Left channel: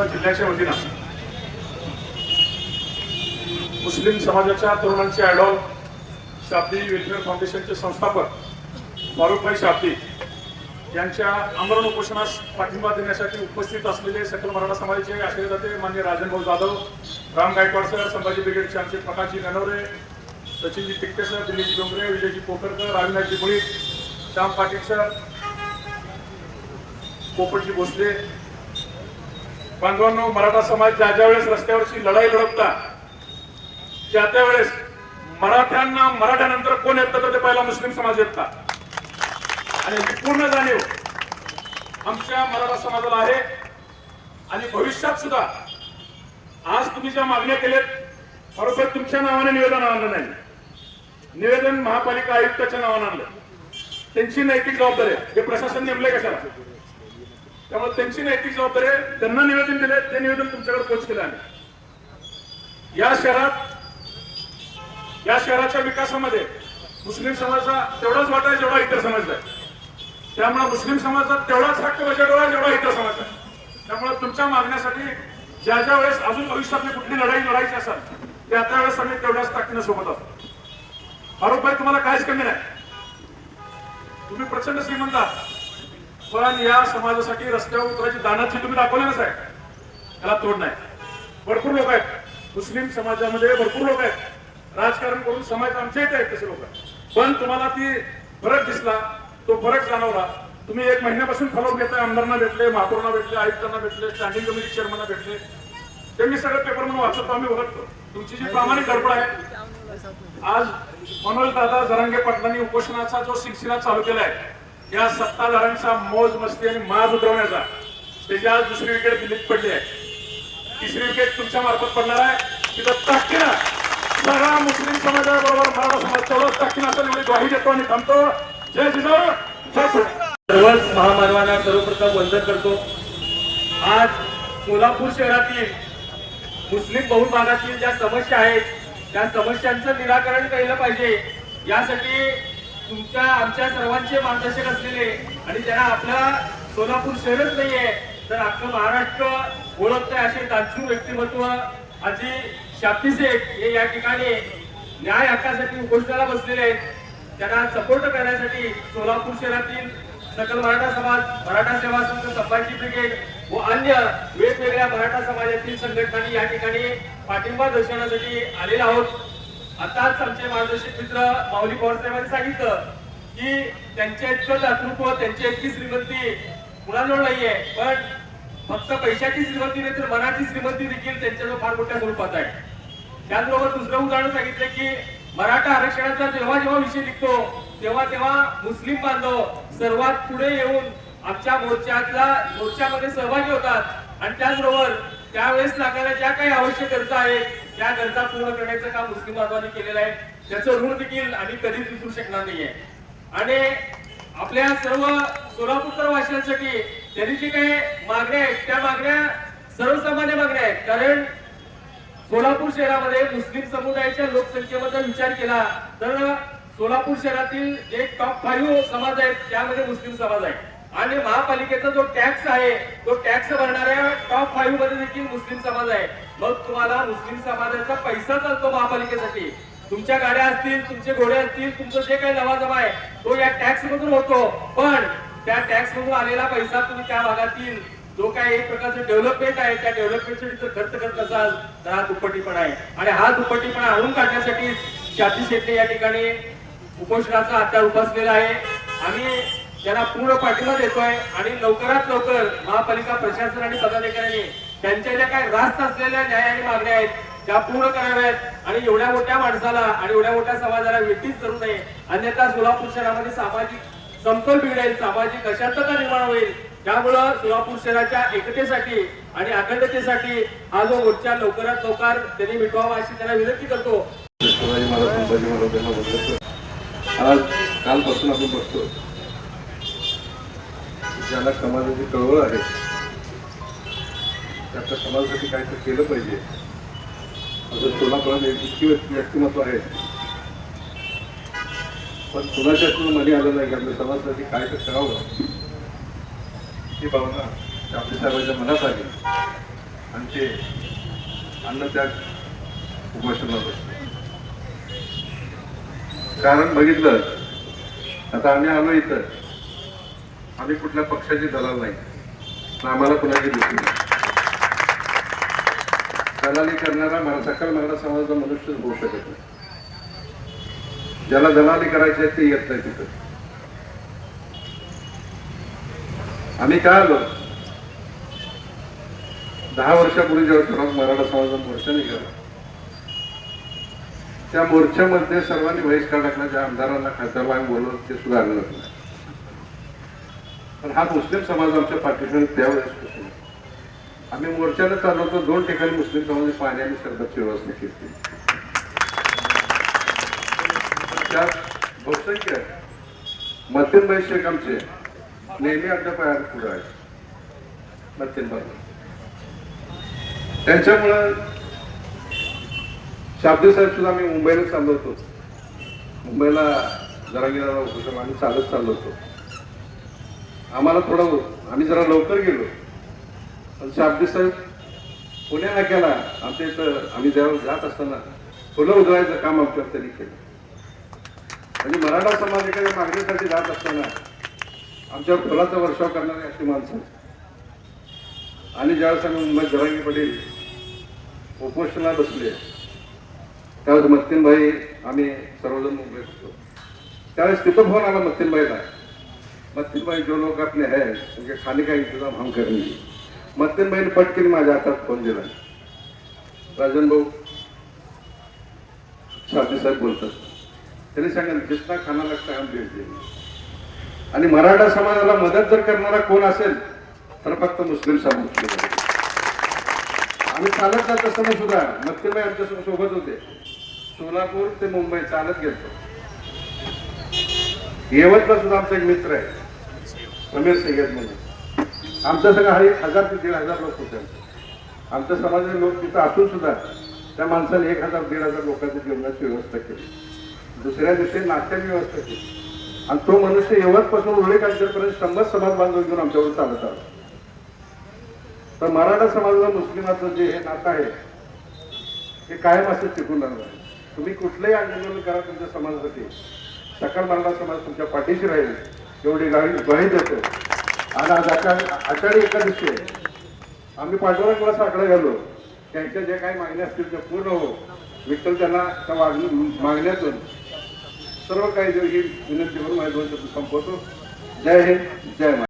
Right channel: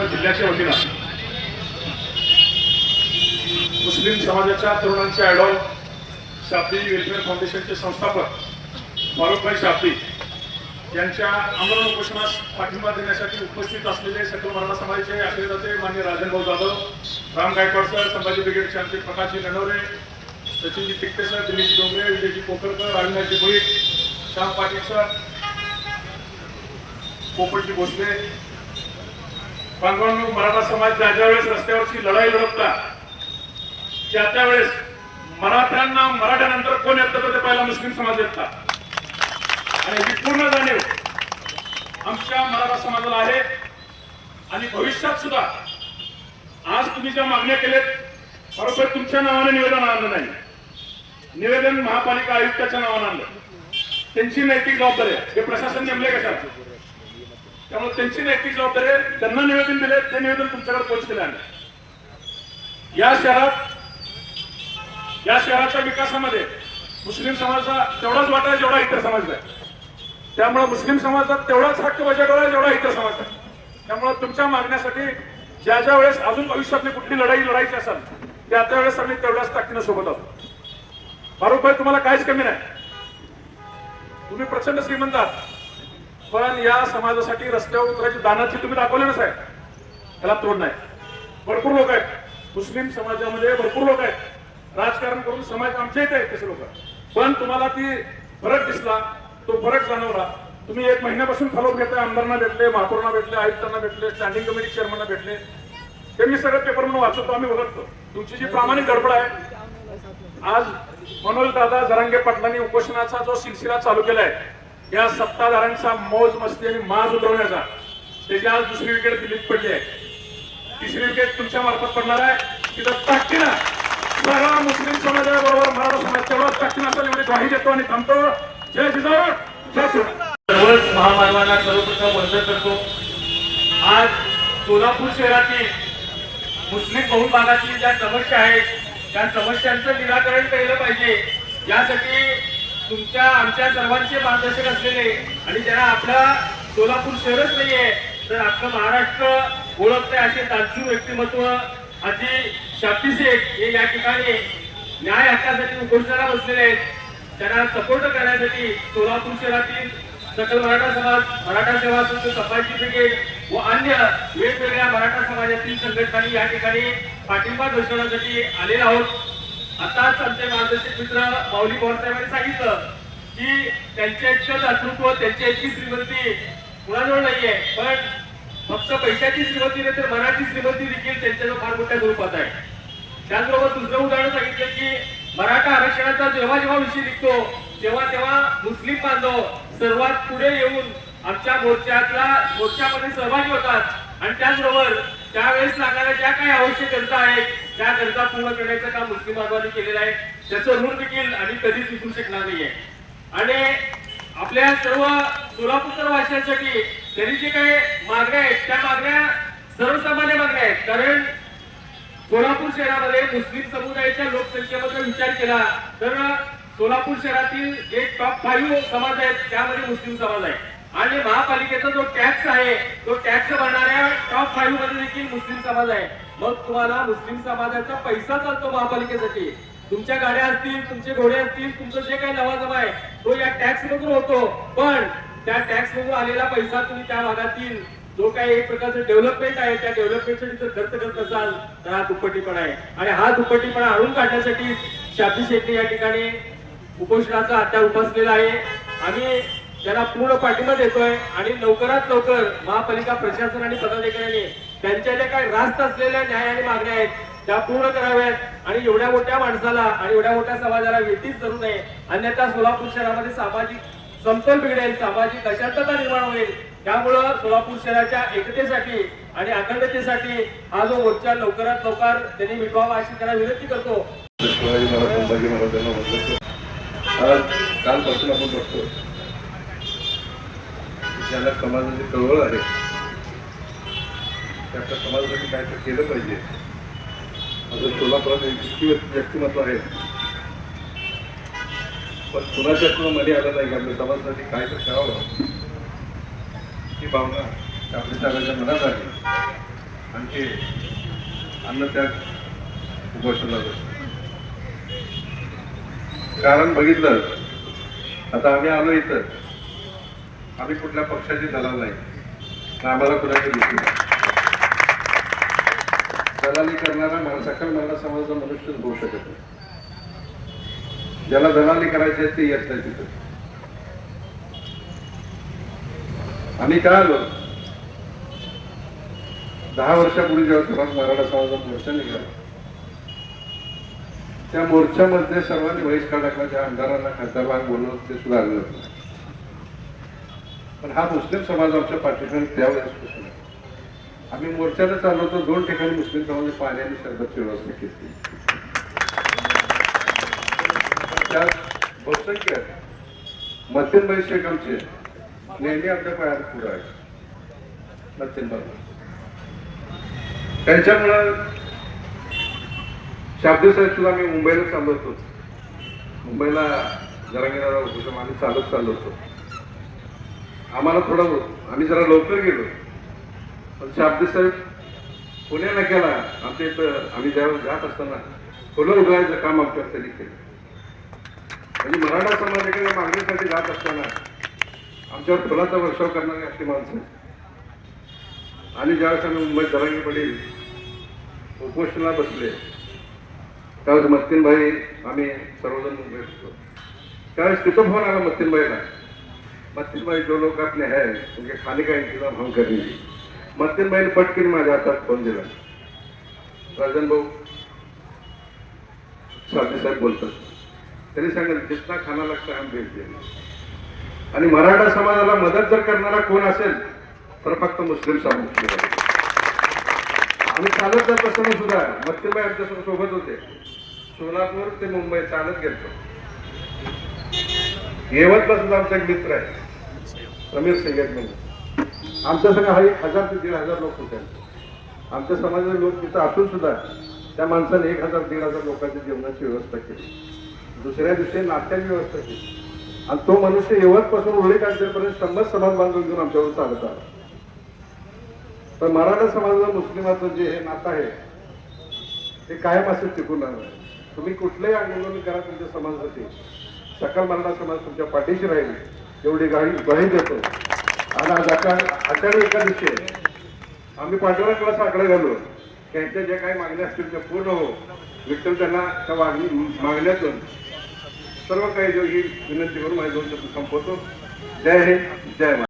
बुलढाणा जिल्ह्याच्या वतीनं मुस्लिम समाजाच्या तरुणांचे आयडॉल शाब्दी वेलफेअर फाउंडेशनचे संस्थापक फारुखभाई शाब्दी यांच्या आमरण उपोषणास पाठिंबा देण्यासाठी उपस्थित असलेले सकल मराठा समाजाचे आशीर्वादाते मान्य राजनभाऊ जाधव, राम गायकवाड सर, संभाजी ब्रिगेडचे आमचे प्रकाशजी ननवरे, सचिनजी तिकटे सर, दिलीपजी डोंगरे, विजयजी पोखरकर, रविंद्रजी भोईर, श्याम पाटील सर, पोपटजी भोसले, बांधवांनो, मराठा समाज ज्या वेळेस रस्त्यावरची लढाई लढवता त्या वेळेस मराठ्यांना मराठ्यानंतर कोण येतं तर ते पहिला मुस्लिम समाज येतात आणि ही पूर्ण जाणीव आमच्या मराठा समाजाला आहे. आणि भविष्यात सुद्धा आज तुम्ही ज्या मागण्या केल्यात बरोबर तुमच्या नावाने निवेदन आणलं नाही, निवेदन महापालिका आयुक्ताच्या नावाने आणलं. त्यांची नैतिक जबाबदारी आहे, हे प्रशासन नेमले कशाला, त्यामुळे त्यांची नैतिक जबाबदारी आहे. त्यांना निवेदन दिले, ते निवेदन तुमच्याकडे पोहोच केलं आहे. या शहराच्या विकासामध्ये मुस्लिम समाजाचा तेवढाच वाटा आहे जेवढा इतर समाज आहे. त्यामुळे मुस्लिम समाजाचा तेवढाच हक्क बजावला जेवढा इतर समाज आहे. त्यामुळे तुमच्या मागण्यासाठी ज्या वेळेस अजून भविष्यातली कुठली लढाई लढायची असेल त्या वेळेस आम्ही तेवढ्याच ताकदीने सोबत असतो. फारुखभाई, तुम्हाला काहीच कमी नाही, तुम्ही प्रचंड श्रीमंत आहात, पण या समाजासाठी रस्त्यावर उतरायची दानाची तुम्ही दाखवलेच आहे, त्याला तोड नाही. भरपूर लोक आहेत मुस्लिम समाजामध्ये, भरपूर लोक आहेत राजकारण करून समाज आमच्या इथे आहेत तसे लोक, पण तुम्हाला ती फरक दिसला, तो फरक जाणवला. तुम्ही 1 महिन्यापासून फॉलोअप घेताय, आमदारांना भेटले, महापौरांना भेटले, आयुक्तांना भेटले, स्टँडिंग कमिटी चेअरमॅनना भेटले, ते मी सगळे पेपरमधून वाचतो, आम्ही बघतो तुमची जी प्रामाणिक गडबड आहे. आज मनोज दादा जरांगे पाटलांनी उपोषणाचा जो सिलसिला चालू केलाय या सत्ताधाऱ्यांचा मौज मस्ती आणि माज उतरवण्याचा, त्याची आज दुसरी विकेट दिल्लीत पडली आहे, तिसरी विकेट तुमच्या मार्फत पडणार आहे. तिथं ताकदीनं सारा मुस्लिम समाजाबरोबर मराठा समाज तेवढाच ताकदीनं असेल एवढी ग्वाही देतो आणि थांबतो. जय जिजाऊ, जय शिवराय. सर्वच महामानवांना सर्वप्रथम वंदन करतो. आज सोलापूर शहरातील मुस्लिम बहुभागातील ज्या समस्या आहेत त्या समस्यांचं निराकरण केलं पाहिजे, यासाठी तुमच्या आमच्या सर्वांचे मार्गदर्शक असलेले आणि ज्यांना आपला सोलापूर शहरच नाहीये तर अख्खं महाराष्ट्र ओळखते असे दानशूर व्यक्तिमत्व आजी शाब्दी शेख हे या ठिकाणी न्याय हक्कासाठी उपोषणाला बसलेले आहेत. त्यांना सपोर्ट करण्यासाठी सोलापूर शहरातील सकल मराठा समाज, मराठा सेवा संघ, संभाजी ब्रिगेड व अन्य वेगवेगळ्या मराठा समाजातील संघटनांनी या ठिकाणी पाठिंबा दर्शवण्यासाठी आलेला आहोत. आताच आमचे मार्गदर्शक मित्र माऊली पवारसाहेबांनी सांगितलं की त्यांचे इतकं दातृत्व, त्यांची इतकी श्रीमंती कुणाजवळ नाहीये, पण फक्त पैशाची श्रीमंती नाही तर मनाची श्रीमंती देखील त्यांच्याजवळ फार मोठ्या स्वरूपात आहे. त्याचबरोबर दुसरं उदाहरण सांगितलं की मराठा आरक्षणाचा जेव्हा विषय निघतो तेव्हा मुस्लिम बांधव सर्वात पुढे येऊन आमच्या मोर्चामध्ये सहभागी होतात आणि त्याचबरोबर त्यावेळेस लागणाऱ्या ज्या काही आवश्यक गरजा आहेत त्या गरजा पूर्ण करण्याचं काम मुस्लिम बांधवांनी केलेलं आहे. त्याचं ऋण देखील आणि कधीच विसरू शकणार नाहीये. आणि आपल्या सर्व सोलापूरकर वासियांसाठी त्यांनी जे काही मागण्या आहेत त्या मागण्या सर्वसामान्य मागण्या आहेत. कारण सोलापूर शहरामध्ये मुस्लिम समुदायाच्या लोकसंख्येबद्दल विचार केला तर सोलापूर शहरातील जे टॉप 5 समाज आहेत त्यामध्ये मुस्लिम समाज आहे आणि महापालिकेचा जो टॅक्स आहे तो टॅक्स भरणाऱ्या टॉप 5 मध्ये देखील मुस्लिम समाज आहे. मग तुम्हाला मुस्लिम समाजाचा पैसा चालतो महापालिकेसाठी, तुमच्या गाड्या असतील, तुमचे घोडे असतील, तुमचं जे काही लवाजमा आहे तो या टॅक्स मधून होतो, पण त्या टॅक्स मधून आलेला पैसा तुम्ही त्या भागातील जो काही एक प्रकारचं डेव्हलपमेंट आहे त्या डेव्हलपमेंटसाठी जर खर्च करत असाल तर हा दुप्पटीपणा आहे. आणि हा दुप्पटीपणा आणून काढण्यासाठी शाब्दी शेखने या ठिकाणी उपोषणाचा हत्या उपसलेला आहे. आम्ही त्यांना पूर्ण पाठिंबा देतोय आणि लवकरात लवकर महापालिका प्रशासन आणि पदाधिकाऱ्यांनी त्यांच्या ज्या काही रास्त असलेल्या न्याय आणि मागण्या आहेत त्या पूर्ण कराव्यात आणि एवढ्या मोठ्या माणसाला आणि एवढ्या मोठ्या समाजाला वेठीच धरू नये, अन्यथा सोलापूर शहरामध्ये सामाजिक समतोल बिघडेल, सामाजिक अशांतता निर्माण होईल. त्यामुळं सोलापूर शहराच्या एकतेसाठी आणि अखंडतेसाठी हा जो मोर्चा लवकरात लवकर त्यांनी मिटवावा अशी त्यांना विनंती करतो. आज कालपासून आपण बघतो ज्याला समाजाची चळवळ आहे त्या समाजासाठी काय तर केलं पाहिजे असं सोलापुरात इतकी व्यक्तिमत्व आहे, पण कुणाच्या सुद्धा मध्ये आलं नाही की आपल्या समाजासाठी काय तर करावं ही भावना आपल्या सगळ्यांच्या मनात आली आणि ते अन्न त्याग उपोषणाला बसले. कारण बघितलं, आता आम्ही आलो इथं, आम्ही कुठल्या पक्षाची दलाल नाही, आम्हाला कुणाची भीती नाही. दलाली करणारा सकल मराठा समाजाचा मनुष्य होऊ शकत नाही. ज्याला दलाली करायची आहे ते येत नाही तिथं. आम्ही काय आलो, 10 वर्षापूर्वी जेव्हा मराठा समाजाचा मोर्चा निघाला, त्या मोर्चामध्ये सर्वांनी बहिष्कार टाकला. त्या आमदारांना खासदारला बोलवलं, ते सुद्धा आलं नाही. पण हा मुस्लिम समाज आमच्या पाठीशी त्यावेळेस आम्ही मोर्चाला चाललो होतो. 2 ठिकाणी मुस्लिम समाजाने पाणी आणि सरबतची व्यवस्था केली. त्यात बहुसंख्य मध्यमभाई शेख आमचे नेहमी आपल्या पायात पुढे आहे. मध्यमभाई त्यांच्यामुळं शाब्दी साहेब सुद्धा आम्ही मुंबईला चाललो होतो. मुंबईला जरांगीला होतो, आम्ही चालत चाललो होतो. आम्हाला थोडं आम्ही जरा लवकर गेलो, पण शाब्दी साहेब पुण्या नाक्याला आमच्या इथं आम्ही ज्यावेळी जात असताना फुलं उधळायचं काम आमच्या तरी केलं. म्हणजे मराठा समाजाकडे मागणीसाठी जात असताना आमच्यावर फुलाचा वर्षाव करणारी अशी माणसं. आणि ज्यावेळेस आम्ही मुंबईत जरांगी पडेल उपोषणाला बसले, त्यावेळेस मत्तीनभाई आम्ही सर्वजण मुंबईत होतो. त्यावेळेस तिथं फोन आला मत्तीनभाईला, मत्तीनभाई जो लोक आपले है उनके खाने का इंतजाम हम करेंगे. मत्तीनभाईने पटकन माझ्या हातात फोन दिला. राजन भाऊ साथी साहेब बोलतात, त्यांनी सांगितलं जितना खाना लागता हम भेट देंगे. आणि मराठा समाजाला मदत जर करणारा कोण असेल तर फक्त मुस्लिम समाज. आम्ही चालत जात असताना सुद्धा मत्तीनभाई आमच्या सोबत होते. सोलापूर ते मुंबई चालत गेलो. येवतला सुद्धा आमचा एक मित्र आहे समीर सिंगेत म्हणून. आमच्या सगळं 1000 ते 1500 लोक होते. आमच्या समाजाचे लोक तिथं असून सुद्धा त्या माणसाने 1000-1500 लोकांच्या जेवणाची व्यवस्था केली. दुसऱ्या दिवशी नाश्त्याची व्यवस्था केली. आणि तो मनुष्य येवतपासून होळी काढण्यापर्यंत 100 समाज बांधून घेऊन आमच्यावर चालत आला. तर मराठा समाजाला मुस्लिमाचं जे हे नातं आहे ते कायम असं टिकून राहणार. तुम्ही कुठलंही आंदोलन करा तुमच्या समाजासाठी, सकल मराठा समाज तुमच्या पाठीशी राहील एवढी ग्वाही देतो. आणि आज आषाढी एकादशी आहे. आम्ही पांडुरंगाला साकडं घालू, त्यांच्या ज्या काही मागण्या असतील त्या पूर्ण हो. विठ्ठल त्यांना त्या मागण्यातून सर्व काही जो ही विनंती करून माझे 2 शब्द संपवतो. जय हिंद, जय महाराष्ट्र.